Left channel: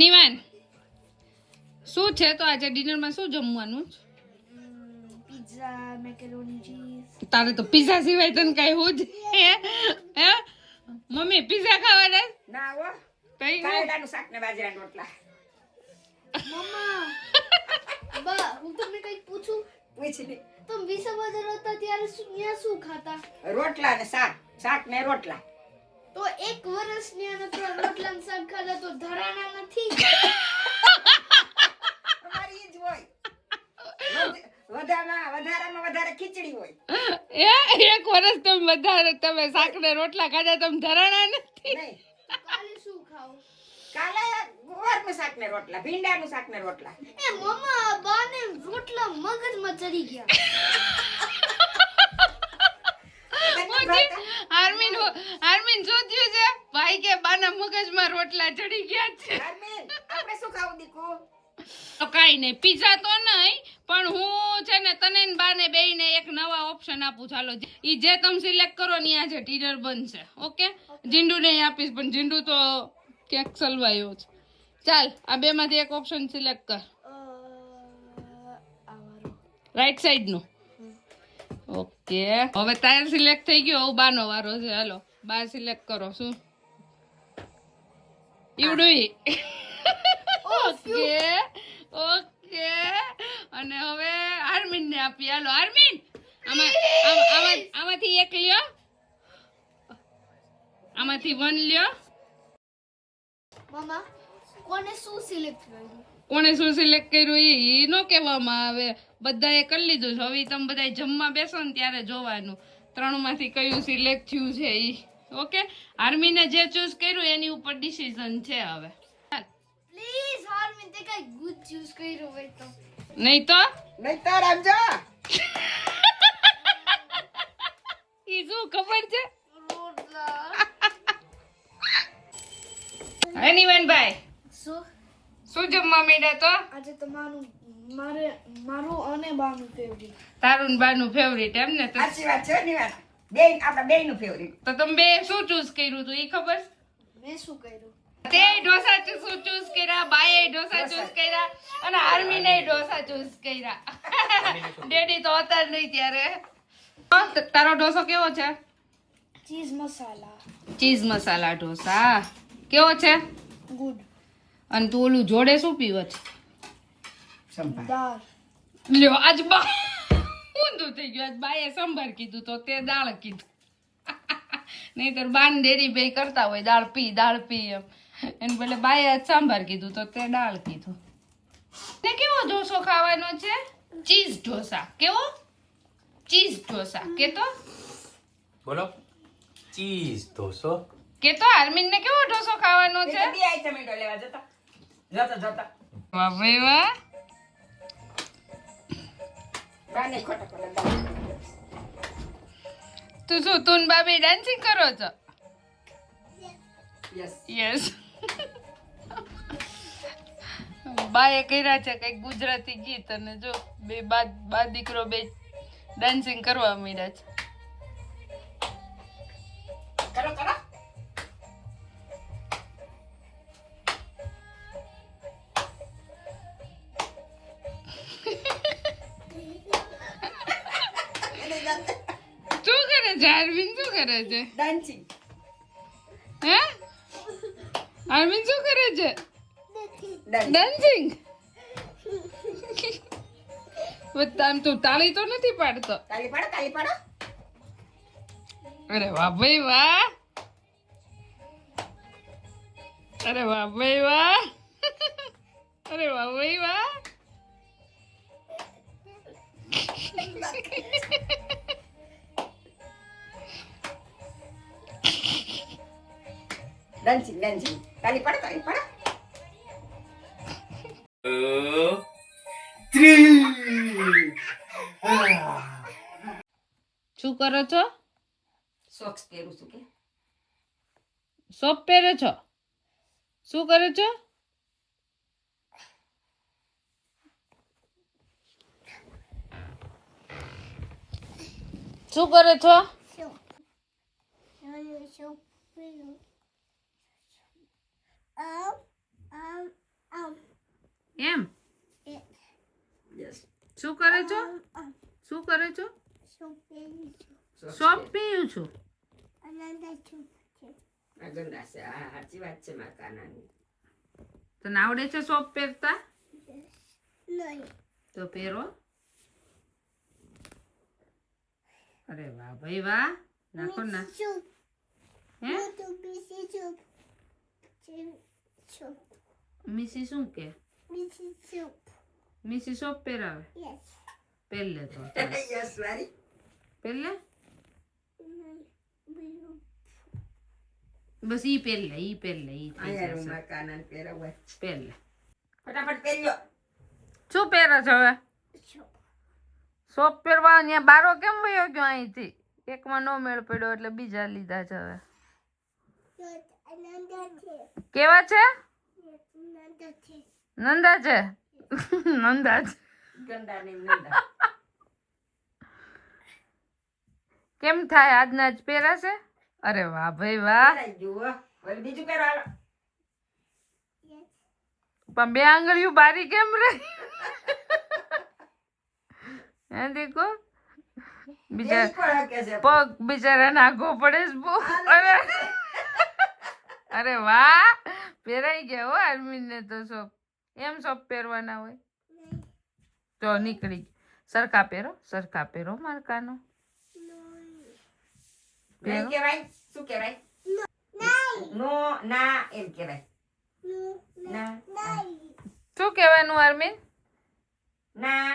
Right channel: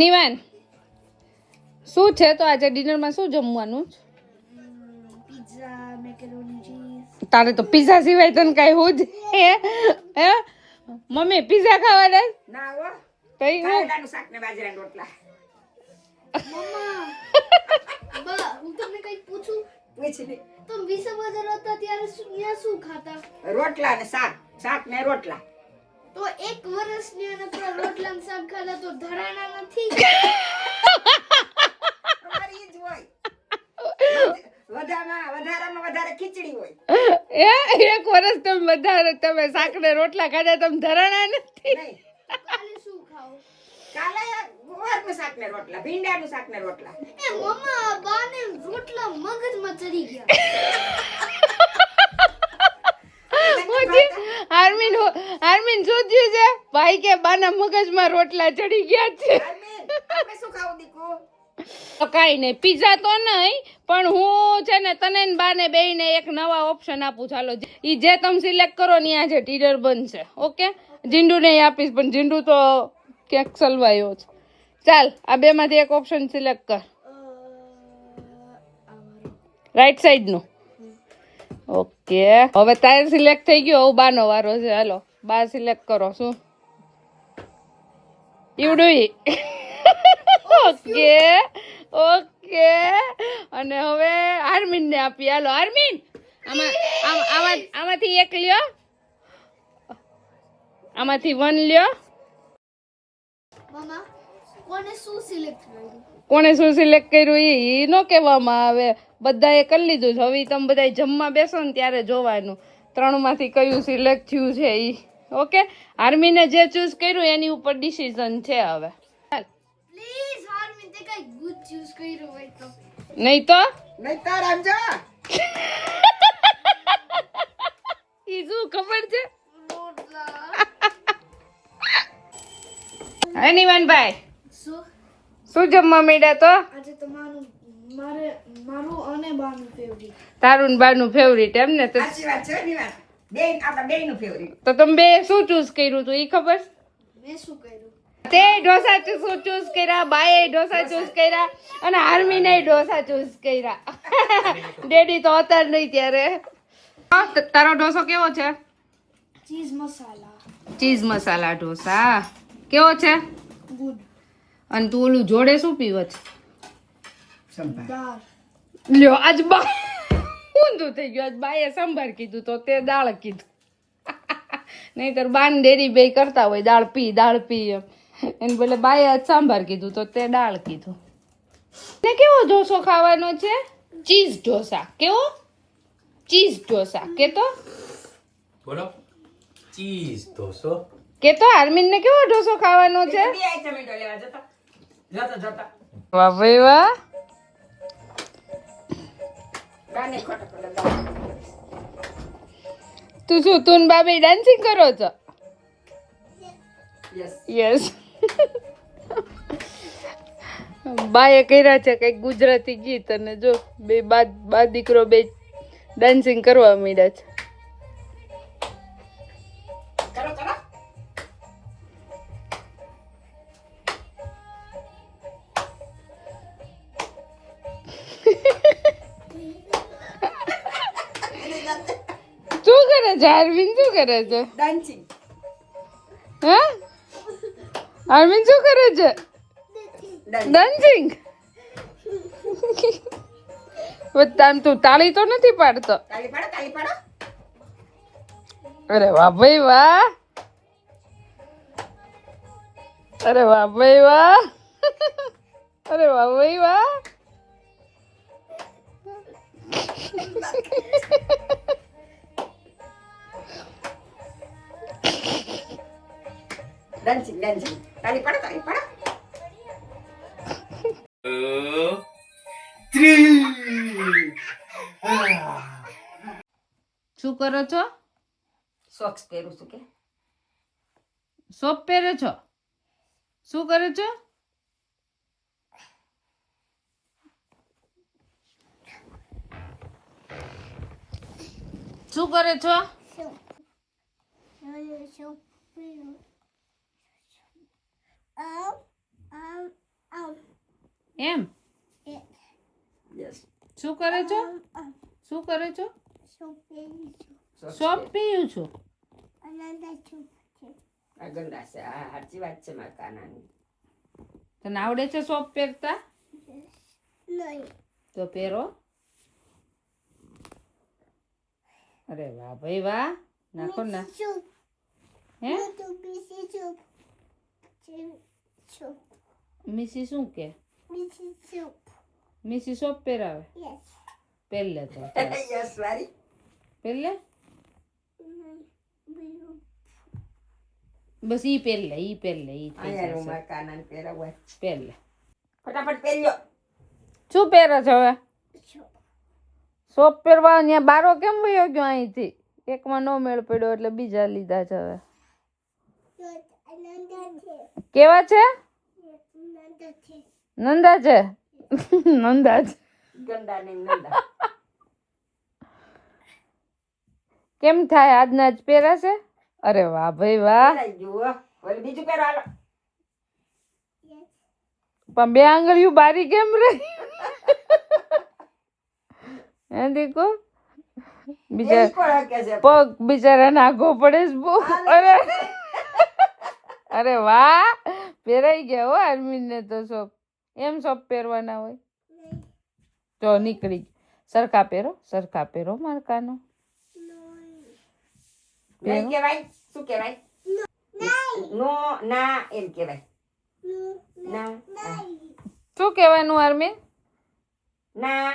નિવાન શું છે તો આજે ડિનરમાં શું જમવાનું? Pizza, macaroni cheese. તારે તો પિઝા સિવાય તને કઈ હું જ હે મમ્મી પિઝા ખાવાના? ના હો, કઈ કારેલાનું શાક ને બાજરાના રોટલા. મમ્મા બા હું તમને કઈ પૂછું? પૂછની. તમે વિસર્જન હતા ત્યારે શું ખાતા? રોટલા ને શાક ને રોટલા. તો એક વર્ષની અંદર રોટલા ને શાક ખાતા તો ધરાણા નથી. અમારી ઈ જ હોય. વધારામાં વધારે ખીચડી હોય. એક વર્ષ તમે શાક ને રોટલા ખાધા તમે ધરાણા નથી? નહીં, કાલે શું ખાવું? કાલે ગુવારનું શાક ને રોટલા, ભીંડાનું શાક ને રોટલા. એ મમ્મા બાને રોટલા મગજમાં ચડી ગયા. આર્મીન શું થયું છે? ભાઈ કે બાના મગજમાં રોટલા ચડી ગયા છે. આપણે શું ખાવું દીકુ? તો કાઈ નહીં, પિઝા તો નહીં, પણ હું છે ને તને ને બાને બેયને એક નવા ઓપ્શન આપું. ચાલો ઈ જે તમે સિલેક્ટ કરો ને આજે ટીડર બનશે. ઓકે, જીંડુ ને આપીશ, પણ જીંડુ તો ક્યાંક સલવાયો છે. ચાલ આ બે માંથી એક ઓપ્શન સિલેક્ટ કર. રાઈટ સાઈડ નું. ઓકે, હવે તારે સિલેક્ટ થઈ ગયો. હવે બાનો વારો છે. હાલો બા સિલેક્ટ કરો. શું ઈવડું? ઓકે ઓકે, અને હવે આર્મીન ને આપી. હાલો આર્મીન, આમાંથી એક લ્યો, આમાંથી 1 લ્યો. મમ્મા કોને શું સિલેક્ટ કર્યું? કોણે શું સિલેક્ટ કર્યું ઈ નો કહેવામાં આવે. બધાએ કરી લીધું છે. હવે તમે બધા જમવા બેસો ને ત્યારે જોવાનું 3 માંથી કયું સિલેક્ટ થયું છે ઈ. ઓકે, આર્મીને જે ચૂઝ કર્યું એની ઉપર ડિસિઝન છે હવે. પ્લીઝ હાર્મિન તે કઈ ગુડ ચૂઝ કર્યું હોય તો. નહીં તો સમજો. ઈ શું ખબર છે? રોટલા. હનીવાનભાઈ શું શું જમવા માંડ્યા તો? આજે તમારું મારું અને બાનું ફેવરિટ. તારું ને બાનું ફેવરિટ એમ ને? સાચી વાત છે ની વાત. આપણા બેયનું ફેવરિટ. તો તમે બે શું ચૂઝ કર્યું તું ઈ ખબર? મેં શું કર્યું? તે ઢોસા ચૂઝ કર્યા, બાએ ઢોસા ચૂઝ કર્યા, અને આર્મીને ઢોસા ચૂઝ કર્યા. ડેડી તો હતા નહીં ત્યારે. તારો ઢોસો કેવો છે? ચીઝ મસાલા. ચીઝ મસાલા ઢોસા કેવો છે? ગુડ. અને તું ઓલું જોડે શું પીવો છે? સંભાર. દાળ. લ્યો આજ બા ઊંધું થઈ ગયું. આજ બાએ સંભાર કીધું તો તે દાળ કીધું. નહીતર બાન ડેરી બે કરતા હોય દાળ પી એમ. એને બદલે બાએ આજ સાંભાર કીધું તો તે દાળ કીધું. ને કેવો ઢોસો ખાવાનો છે? ચીઝ ઢોસા. કેવો? ચીઝ ઢોસા. કેતો બોલો ચીઝ ઢોસો. કેતો આર્મીન ને કેવો ઢોસો ખાવાનો છે? બે આઈટમ ઈટો લેવા જતા. વાહ ભાઈ વાહ. બાને ખોટો કરે. તું શું તું ને બાબે ડાન્સિંગ કરો છો? યસ. યસ. બાએ કર્યા છે કઈક ગુજરાતી ગીત, અને જો બે બા દીકરો બે ડાન્સિંગ કરવા માંડ્યા છે. કરો. શું કરે છે અરવિંદ? શું કરે છે? ડાન્સિંગ. હે અરવિંદ શું કરે છે? ડાન્સિંગ. આમ તું તાળી તો નથી પાડતો? તાળી પાડો. અરે વાહ ભાઈ વાહ. અરે વાહ ભાઈ વાહ. અરે વાહ ભાઈ વાહ. ડાન્સિંગ. તાળી પાડો. શું કરો છો? સોક્સ પહેરું છું કે સોપ પહેરો છો? શું કરો છો? શું કરે છો? એમ યસ શું કરે છો શું કરે છો સોપ પીયું છું આ ગંદા છે આ સાચી વાત છે મારા કાનાની તને આવડે છે સોપ પહેરતા તો પહેરો અરે વાહ ભાઈ વાહ નાખો ના હે મિસી શું કે મિસી સોપ પહેરાવે પહેલે તો યસ વારી પહેલે બસ ઈ પહેલે ઈ પહેલે ઈ થઈ અહીંયા હું જશે મારા કાનાને પહેરાવું પહેલે ફટાફટ પહેર્યો શું પહેરો છો હવે સોપ પહેરવા ત્યાં બારો કેમ વયો ગયો અહીંથી એકમાં નો મેળ પડ્યો એટલે બીજા લીધા છે હવે કેવા છે નંદા છે નંદા છે ગંદા ને નંદા કેમ થાય આજના જ પહેરાશે અરે વાહ ભાઈ વાહ પહેરાઈ ગયું હો. વળી બીજું પહેરો હાલો પણ બે આંગળીયું બારી કેમ રહી હે દીકો બીજા એ કોણ હકે છે પગ બિચારા નાખવો પડે છે બહુ અરે અરે વાહ પહેરાઈ ગયા હો આર્મીન ને તો સોપ એમ સોપ પહેરવાના હોય તો નીકળી સરખા પહેરો મારકાનો નહીં કહેવાય શું કહેવાય નો ના એમ કહેવાય ના શું કહેવાનું આર્મીન ના